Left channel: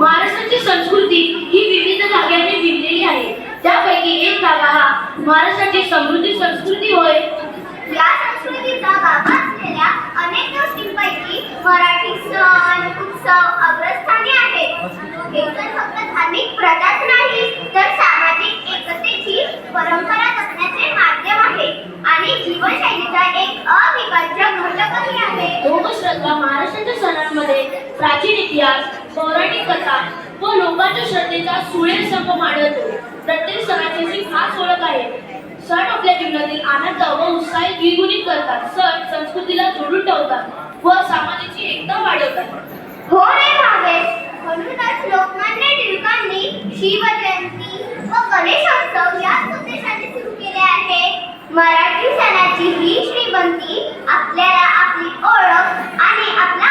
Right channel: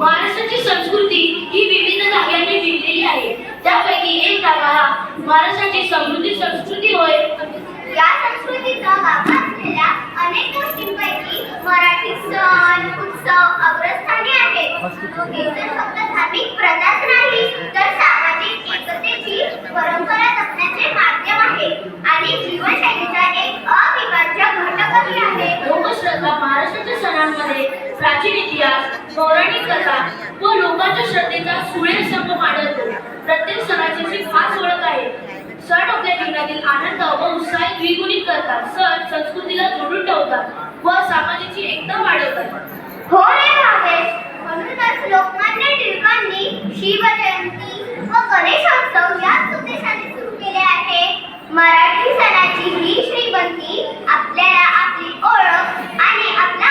महाराष्ट्राची संस्कृती ही विविध धाग्याने विणलेली आहे. त्यापैकी एक धागा हा महाराष्ट्राची समृद्धी संस्कृती होय. सण फक्त धार्मिक प्रथाच नाही तर सामाजिक एकतेची परंपरा जपण्याचे माध्यम आहे आणि जीवनशैलीचा एक अविभाज्य घटकही आहे. ग श्रद्धा महाराष्ट्राच्या सणांमध्ये प्राचीन इतिहास पौराणिक कथा व लोकांच्या श्रद्धेचा सुरेख संगम आढळतो प्रत्येक सणाची खास ओळख आहे सण आपल्या जीवनातील आनंद व उत्साह द्विगुणित करतात. सण संस्कृतीला जोडून ठेवतात व सामाजिकची एकता वाढवतात. हो रे म्हणूनच लोकमान्य टिळकांनी शिवजयंती व गणेशोत्सव या उद्देशाने सुरू केले आहे. मराठी सणाची ही श्रीमंती आपल्याला आपली ओळख आणि आपला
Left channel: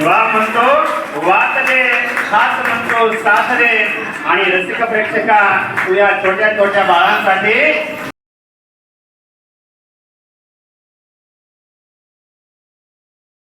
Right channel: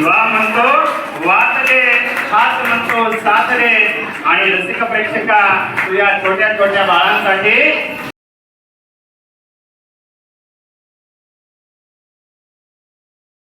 ವಿವಾಹವಂತೋ ವಾತಲೆ ಹಾಸನಂತೋ ಸಾಸರೆ ಆಯ ರಸಿಕ ಪ್ರೇಕ್ಷಕ ತುಯ ಚೋಟ್ಯ ಚೋಟ್ಯ ಬಾಳಂसाठी